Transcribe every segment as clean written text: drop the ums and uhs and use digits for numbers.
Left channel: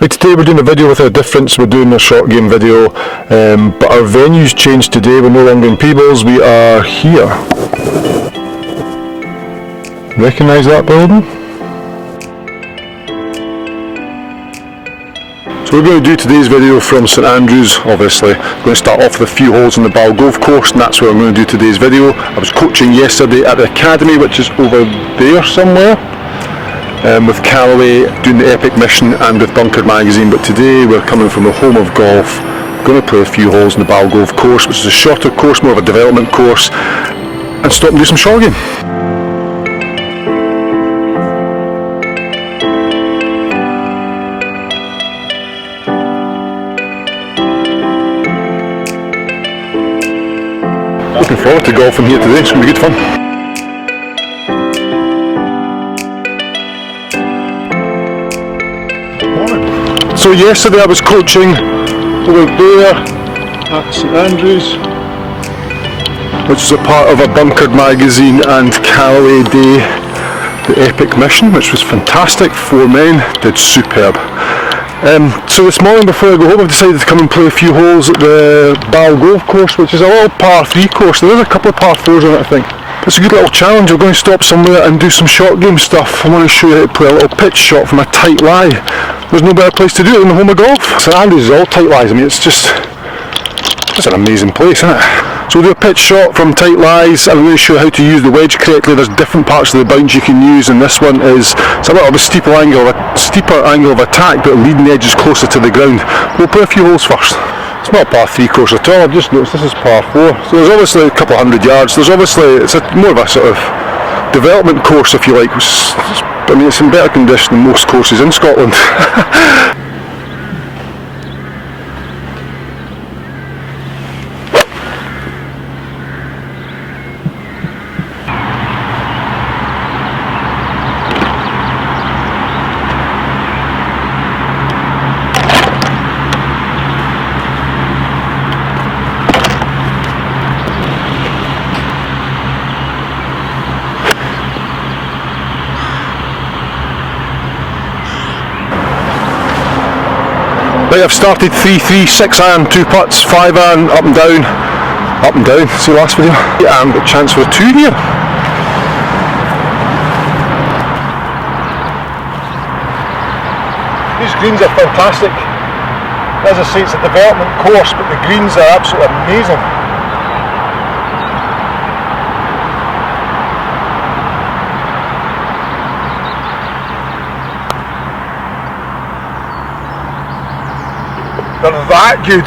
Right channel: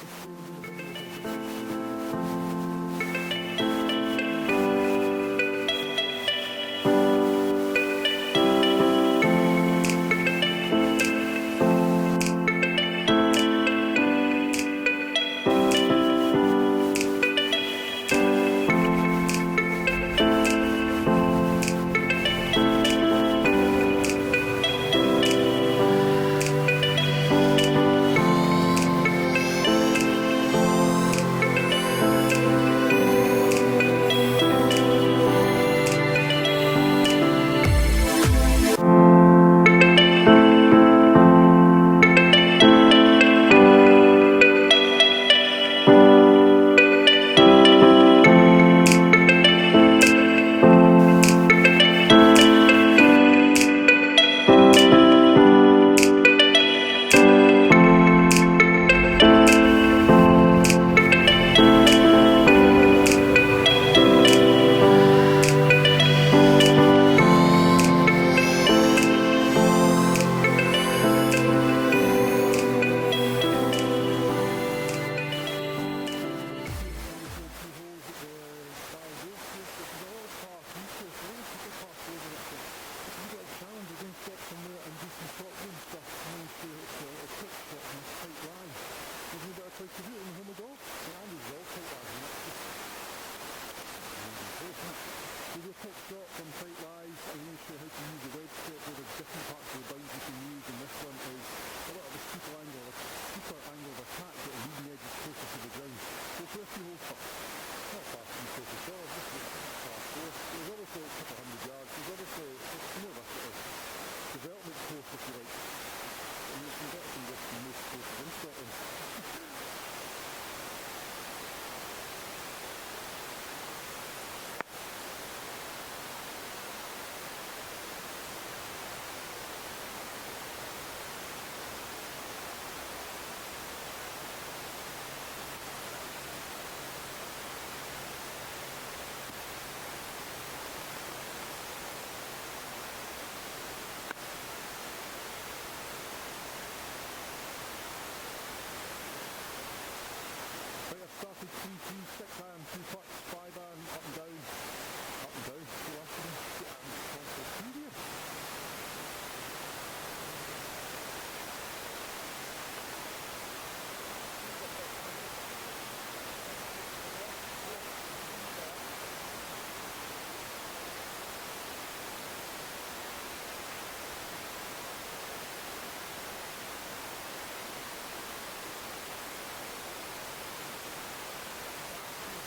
Right, today we're doing a video with a difference. We're doing a short game video, but our venue's changed today. We're no longer in Peebles, we are here. Recognise that building? So we're going to do today's video from St Andrews, obviously. We're going to start off with a few holes in the Ball Golf Course, and that's where I'm going to do today's video. I was coaching yesterday at the Academy, which is over there somewhere. With Callaway doing the Epic Mission and with Bunker Magazine, but today we're coming from the home of golf, going to play a few holes in the Ball Golf Course, which is a shorter course, more of a development course, and stop and do some short game. Looking forward to golfing here today, it's going to be good fun. So yesterday I was coaching over there at St Andrews, which is a part of a Bunkered Magazine and Callaway Day, the Epic Mission, which was fantastic. 4 men did superb. So this morning before I go home, I've decided to come and play a few holes at the Ball Golf Course, which is a little par 3 course. There is a couple of par 4s on it, I think. It's a good little challenge. We're going to stop somewhere and do some short game stuff. I want to show you how to play a little pitch shot from a tight lie. There's no better place to do it than the home of golf. St Andrews is all tight lies. I mean, it's an amazing place, isn't it? So we'll do a pitch shot from tight lies. I'm going to show you how to use the wedge correctly. There's different parts of the bounce you can use, and this one is it's a little bit steeper angle of attack, but leading the edge is closer to the ground. We'll play a few holes first. It's not a par 3 course at all. I've just noticed this is par 4. So there's obviously a couple of 100 yards. It's more of a sort of development course, if you like. I mean, it's in better condition than most courses in Scotland. Right, I've started 3-3, 6 iron, 2 putts, 5 iron, up and down, see last video? 8 iron, got a chance for a 2 here. These greens are fantastic. As I say, it's a development course, but the greens are absolutely amazing. They're that good.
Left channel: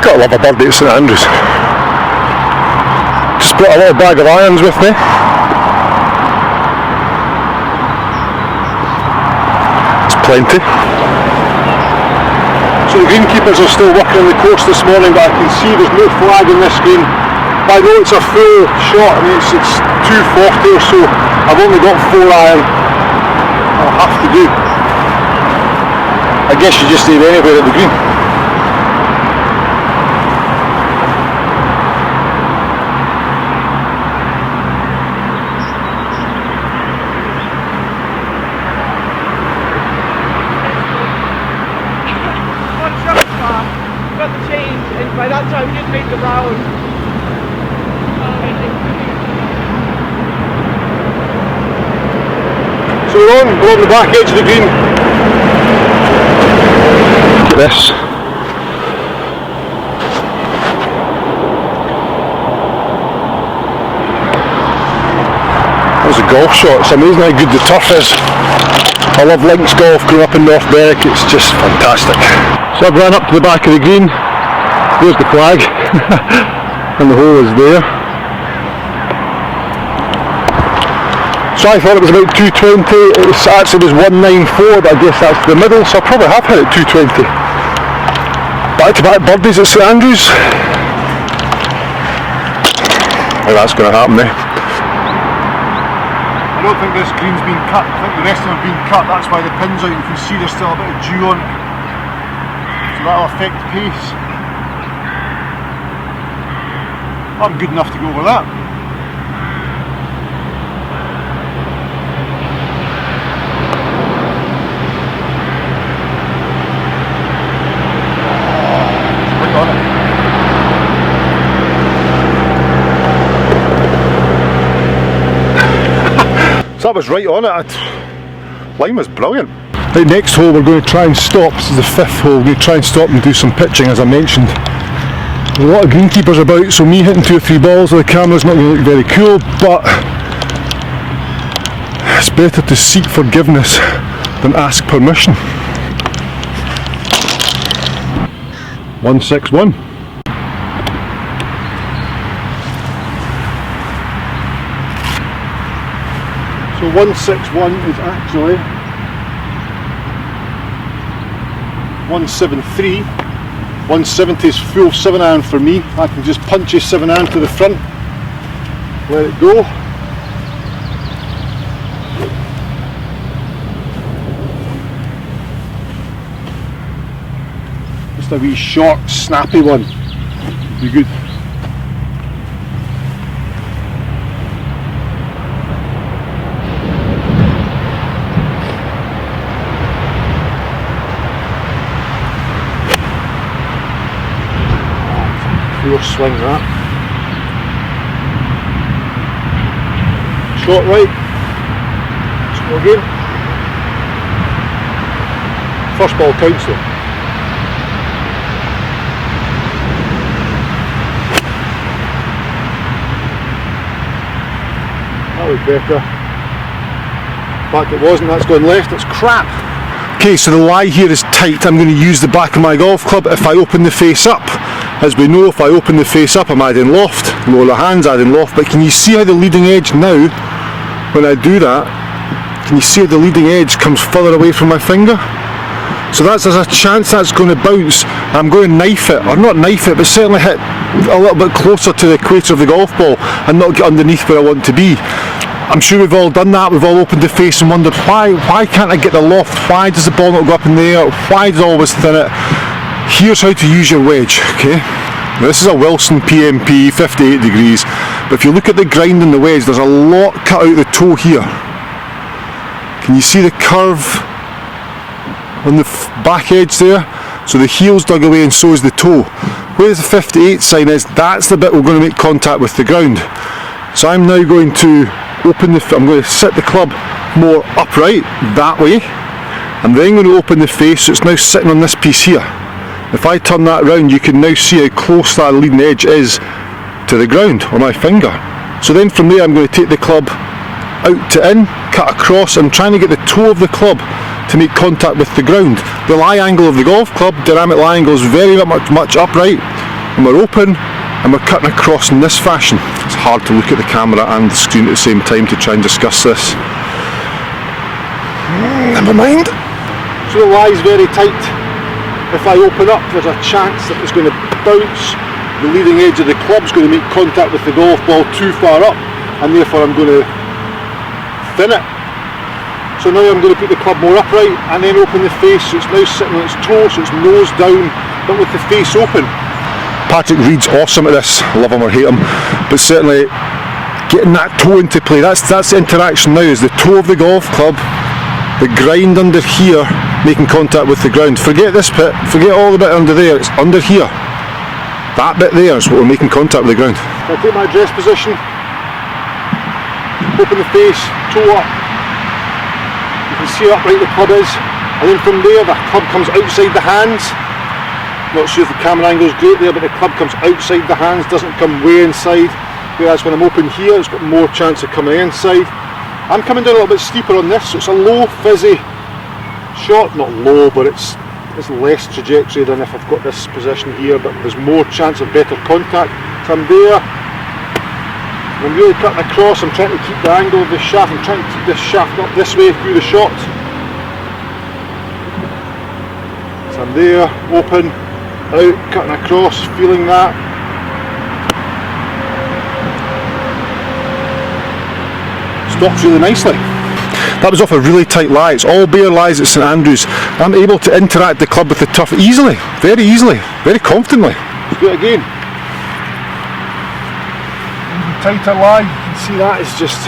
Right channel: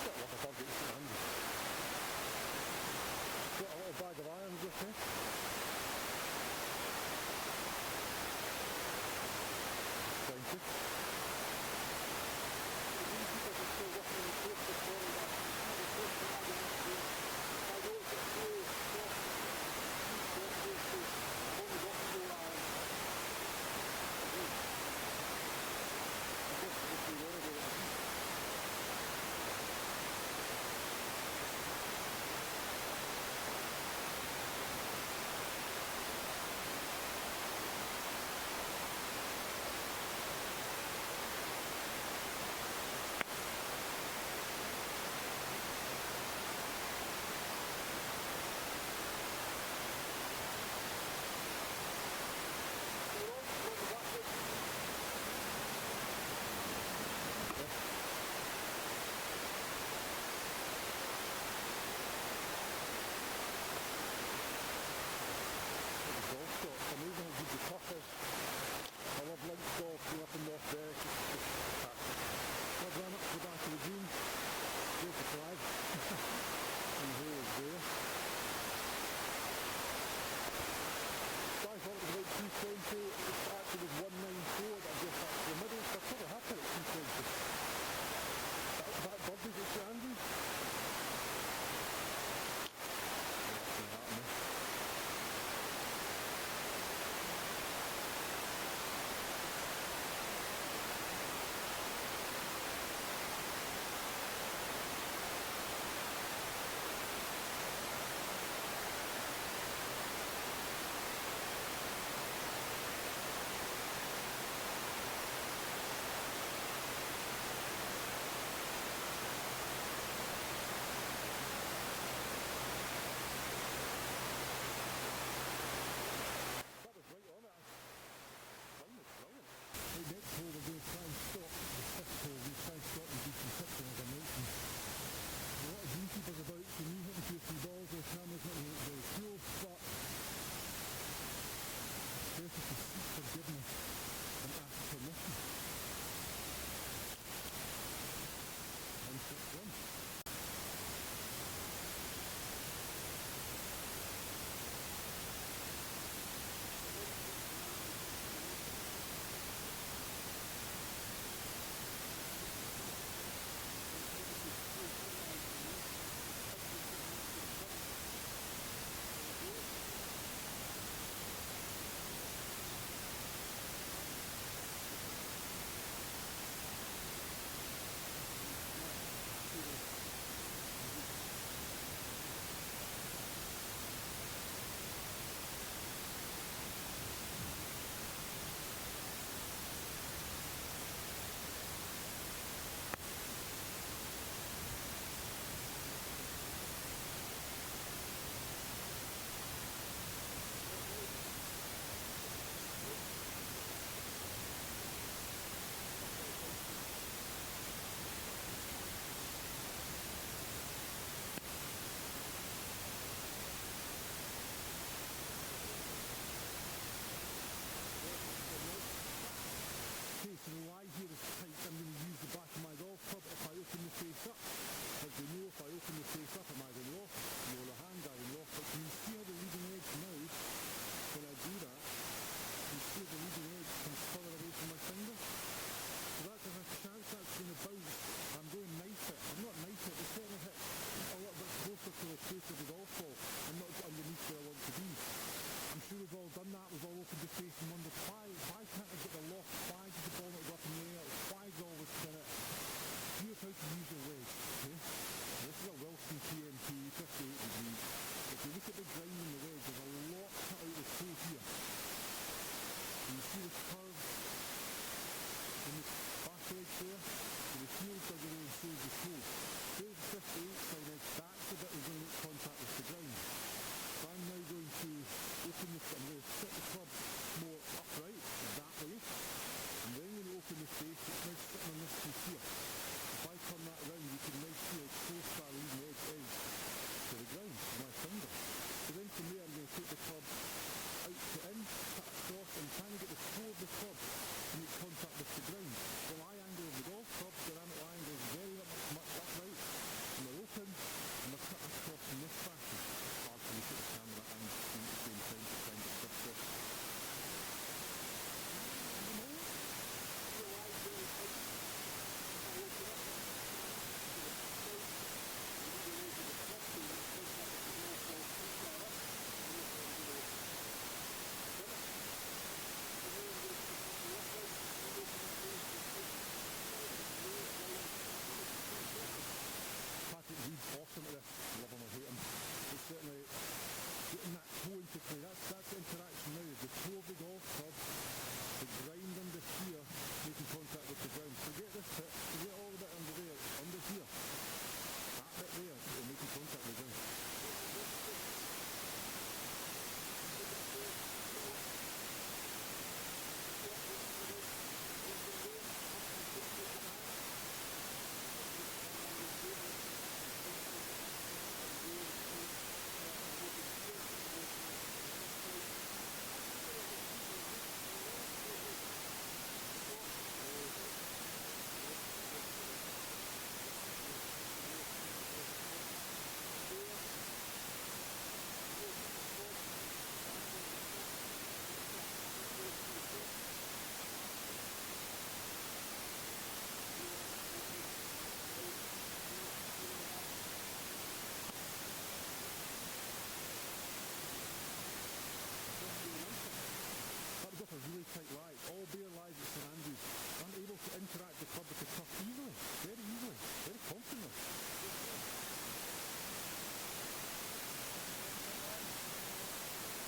Gotta love a birdie at St Andrews. Just brought a little bag of irons with me. It's plenty. So the greenkeepers are still working on the course this morning, but I can see there's no flag on this green. But I know it's a full shot. I mean, it's 240 or so. I've only got 4 iron. I'll have to do. I guess you just aim anywhere at the green. By that time you'd made the round. So we're on the back edge of the green. Look at this. That was a golf shot. It's amazing how good the turf is. I love links golf, growing up in North Berwick, it's just fantastic. So I've ran up to the back of the green. There's the flag, and the hole is there. So I thought it was about 220, it actually was 194, but I guess that's the middle, so I probably have hit it 220. Back to back birdies at St Andrews. How that's going to happen there. I don't think this green's been cut, I think the rest of them have been cut, that's why the pin's out, you can see there's still a bit of dew on it. So that'll affect the pace. I'm good enough to go over that. Right on it. So that was right on it. Line was brilliant. Right, next hole we're going to try and stop. This is the 5th hole. We're going to try and stop and do some pitching, as I mentioned. There's a lot of greenkeepers about, so me hitting 2 or 3 balls with the camera's not going to look very cool, but it's better to seek forgiveness than ask permission. 161. So 161 is actually 173. 170 is full 7-iron for me. I can just punch a 7-iron to the front, let it go. Just a wee short, snappy one. Be good. Pure swing that. Shot right. Let's go again. First ball counts though. That was better. In fact it wasn't, that's going left, it's crap. Okay, so the lie here is tight. I'm going to use the back of my golf club if I open the face up. As we know, if I open the face up, I'm adding loft. Lower the hands, adding loft. But can you see how the leading edge now, when I do that, can you see how the leading edge comes further away from my finger? So there's a chance that's going to bounce. I'm going to knife it, or not knife it, but certainly hit a little bit closer to the equator of the golf ball and not get underneath where I want to be. I'm sure we've all done that. We've all opened the face and wondered why can't I get the loft? Why does the ball not go up in the air? Why does it always thin it? Here's how to use your wedge, okay? Now this is a Wilson PMP, 58 degrees, but if you look at the grind in the wedge, there's a lot cut out the toe here. Can you see the curve on the back edge there? So the heel's dug away and so is the toe. Where the 58 sign is, that's the bit we're going to make contact with the ground. So I'm now going to open I'm going to sit the club more upright, that way. I'm then going to open the face, so it's now sitting on this piece here. If I turn that around, you can now see how close that leading edge is to the ground, or my finger. So then from there I'm going to take the club out to in, cut across, and trying to get the toe of the club to make contact with the ground. The lie angle of the golf club, dynamic lie angle, is very much upright, and we're open, and we're cutting across in this fashion. It's hard to look at the camera and the screen at the same time to try and discuss this. Never mind. So the lie is very tight. If I open up, there's a chance that it's going to bounce. The leading edge of the club is going to make contact with the golf ball too far up, and therefore I'm going to thin it. So now I'm going to put the club more upright and then open the face, so it's now sitting on its toe, so it's nose down, but with the face open. Patrick Reed's awesome at this, love him or hate him, but certainly getting that toe into play, that's the interaction now, is the toe of the golf club, the grind under here, making contact with the ground. Forget this bit, forget all the bit under there, it's under here. That bit there is what we're making contact with the ground. So I take my address position, open the face, toe up. You can see how upright the club is, and then from there the club comes outside the hands. Not sure if the camera angle is great there, but the club comes outside the hands, doesn't come way inside. Whereas when I'm open here, it's got more chance of coming inside. I'm coming down a little bit steeper on this, so it's a low, fizzy shot. Not low, but it's less trajectory than if I've got this position here, but there's more chance of better contact. So I'm there, I'm really cutting across, I'm trying to keep the angle of the shaft, I'm trying to keep this shaft up this way through the shot. So I'm there, open, out, cutting across, feeling that. Stops really nicely. That was off a really tight lie. It's all bare lies at St Andrews. I'm able to interact the club with the turf easily, very confidently. Let's do it again. tighter lie. You can see that is just,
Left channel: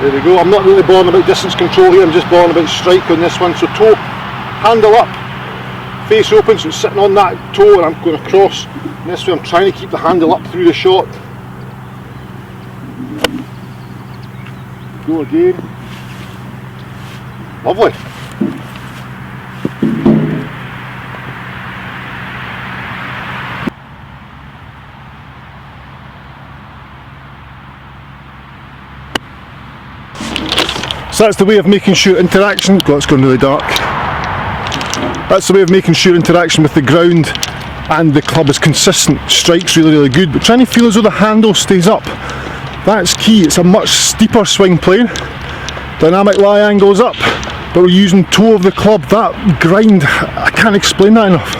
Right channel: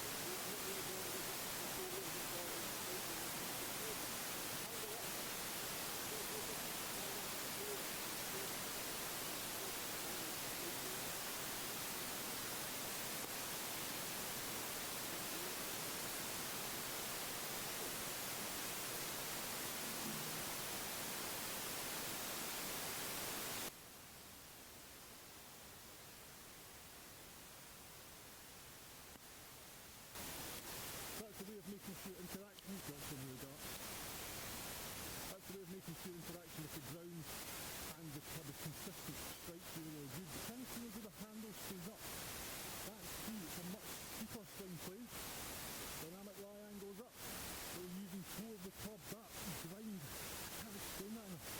there we go. I'm not really bothered about distance control here, I'm just bothered about strike on this one. So toe, handle up, face open, so it's sitting on that toe and I'm going across. And this way I'm trying to keep the handle up through the shot. Go again. Lovely. So that's the way of making sure interaction, God, it's gone really dark. That's the way of making sure interaction with the ground and the club is consistent. Strike's really, really good, but trying to feel as though the handle stays up. That's key. It's a much steeper swing plane. Dynamic lie angle's up, but we're using toe of the club. That grind, I can't explain that enough.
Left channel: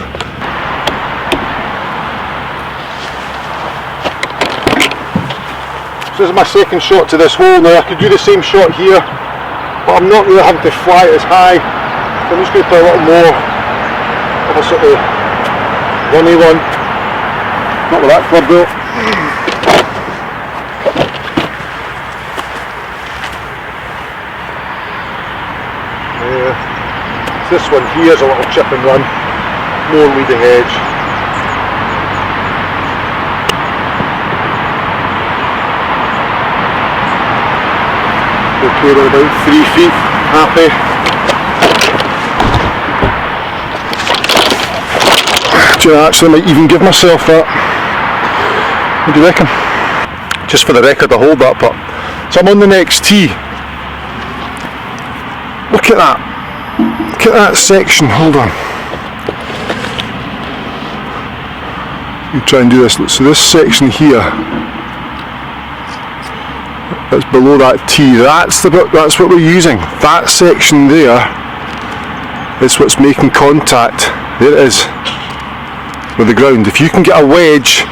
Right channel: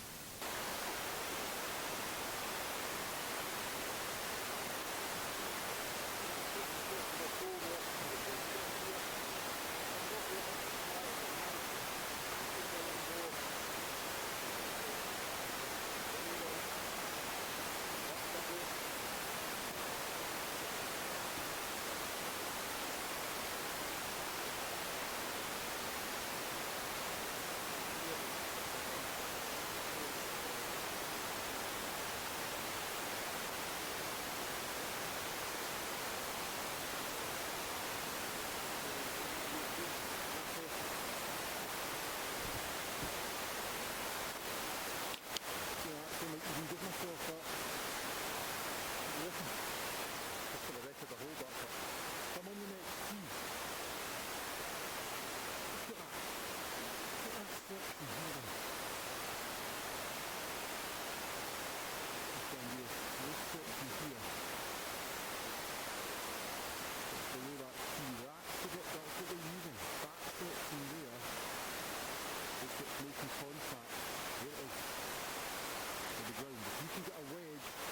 So this is my second shot to this hole. Now I could do the same shot here, but I'm not really having to fly it as high. So I'm just going to play a little more of a sort of runny one. Not with that club though. This one here is a little chip and run, more leading edge. Okay, we're about 3 feet, happy. Do you know, actually I might even give myself that. What do you reckon? Just for the record, I hold that putt. So I'm on the next tee. Look at that. Look at that section, hold on. You try and do this. So this section here, that's below that tee, that's what we're using. That section there is what's making contact. There it is, with the ground. If you can get a wedge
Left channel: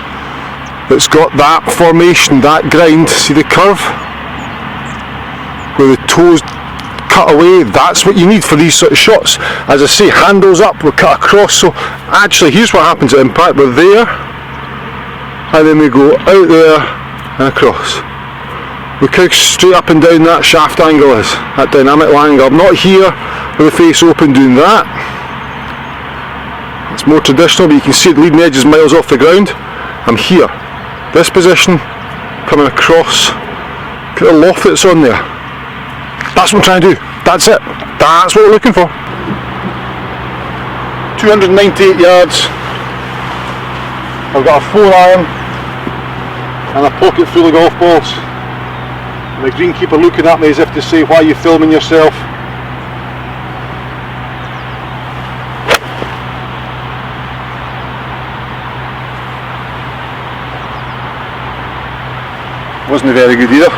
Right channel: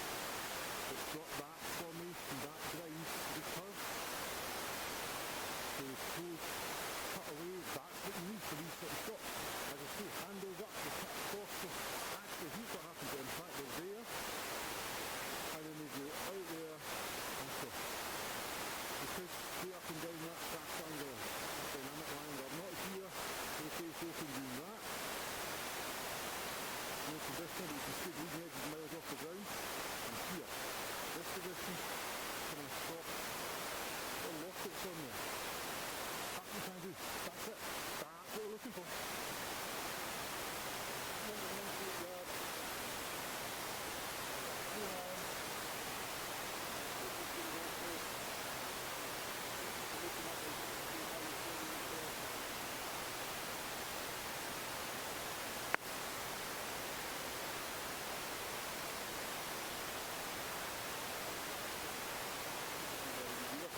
that's got that formation, that grind, see the curve? Where the toes cut away, that's what you need for these sort of shots. As I say, handles up, we're cut across, so actually here's what happens at impact. We're there, and then we go out there and across. Look how straight up and down that shaft angle is, that dynamic angle. I'm not here with the face open doing that. It's more traditional, but you can see the leading edge is miles off the ground. I'm here, this position, coming across. Look at the loft that's on there. That's what I'm trying to do. That's it. That's what we're looking for. 298 yards. I've got a 4-iron and a pocket full of golf balls. And the greenkeeper looking at me as if to say, why are you filming yourself? Wasn't very good either.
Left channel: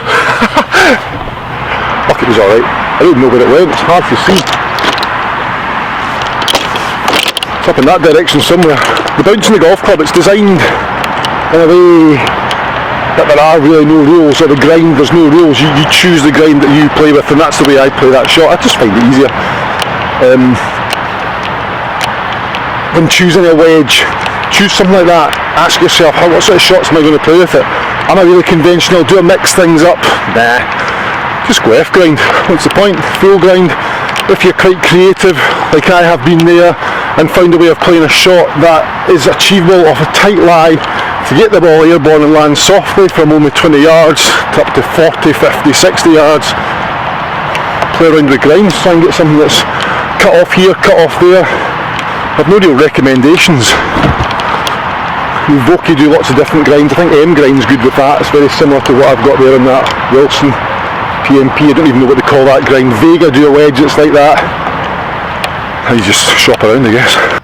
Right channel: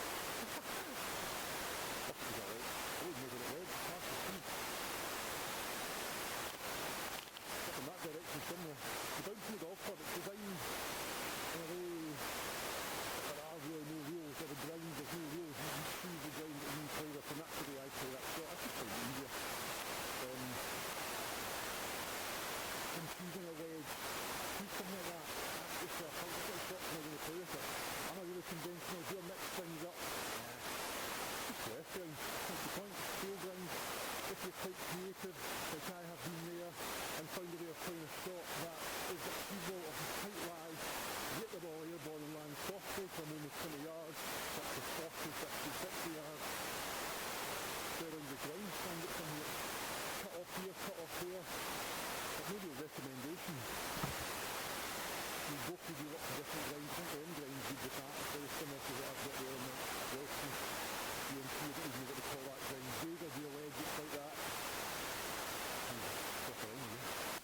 Fuck, it was alright. I don't know where it went, it's hard to see. It's up in that direction somewhere. The bounce in the golf club, it's designed in a way that there are really no rules, or the grind, there's no rules. You choose the grind that you play with, and that's the way I play that shot. I just find it easier. When choosing a wedge, choose something like that. Ask yourself, what sort of shots am I going to play with it? Am I really conventional? Do I mix things up? Nah. Just go F grind. What's the point? Full grind. If you're quite creative, like I have been there, and found a way of playing a shot that is achievable off a tight lie, to get the ball airborne and land softly from only 20 yards to up to 40, 50, 60 yards. Play around with the grinds, try and get something that's cut off here, cut off there. I've no real recommendations. Vokey do lots of different grinds. I think M grind's good with that. It's very similar to what I've got there on that Wilson PMP. I don't even know what they call that grind. Vega do a wedge that's like that. And you just shop around, I guess.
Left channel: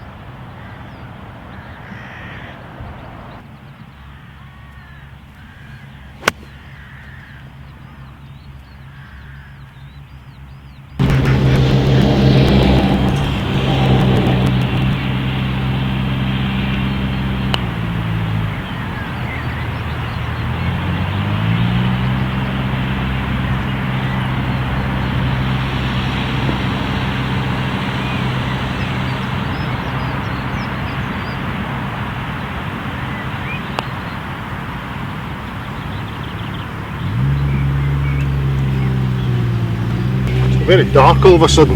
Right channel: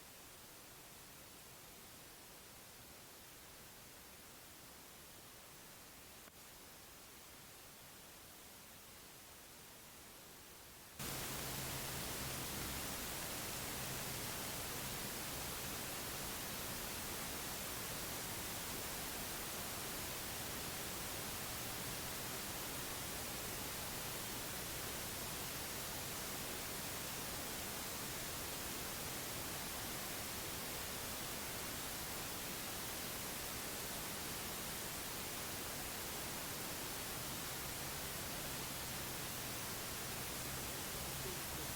very dark all of a sudden.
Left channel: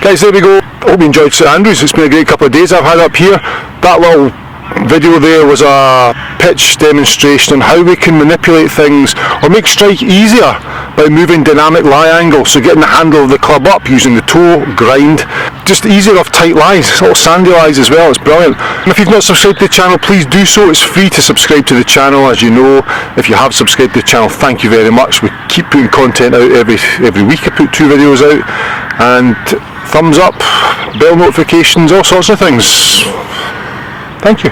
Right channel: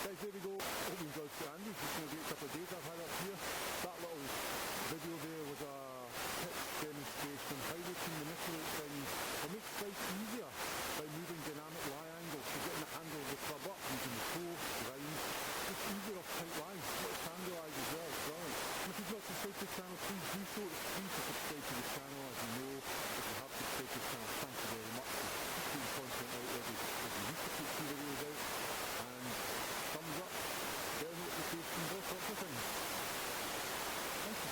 Guys, there we go. Hope you enjoyed St Andrews. It's been a great couple of days I've had up here. That little video there was a pitch demonstration on how we can manipulate things or make strike easier by moving dynamic lie angle, so getting the handle of the club up using the toe, grind, just easier off tight lies, little sandy lies as well. It's brilliant. And if you've not subscribed to the channel, please do so. It's free to subscribe to the channel, as you know. If you have subscribed to the channel, thank you very much. We keep putting content out every week. I put 2 videos out, and thumbs up, bell notifications, all sorts of things. Thank you.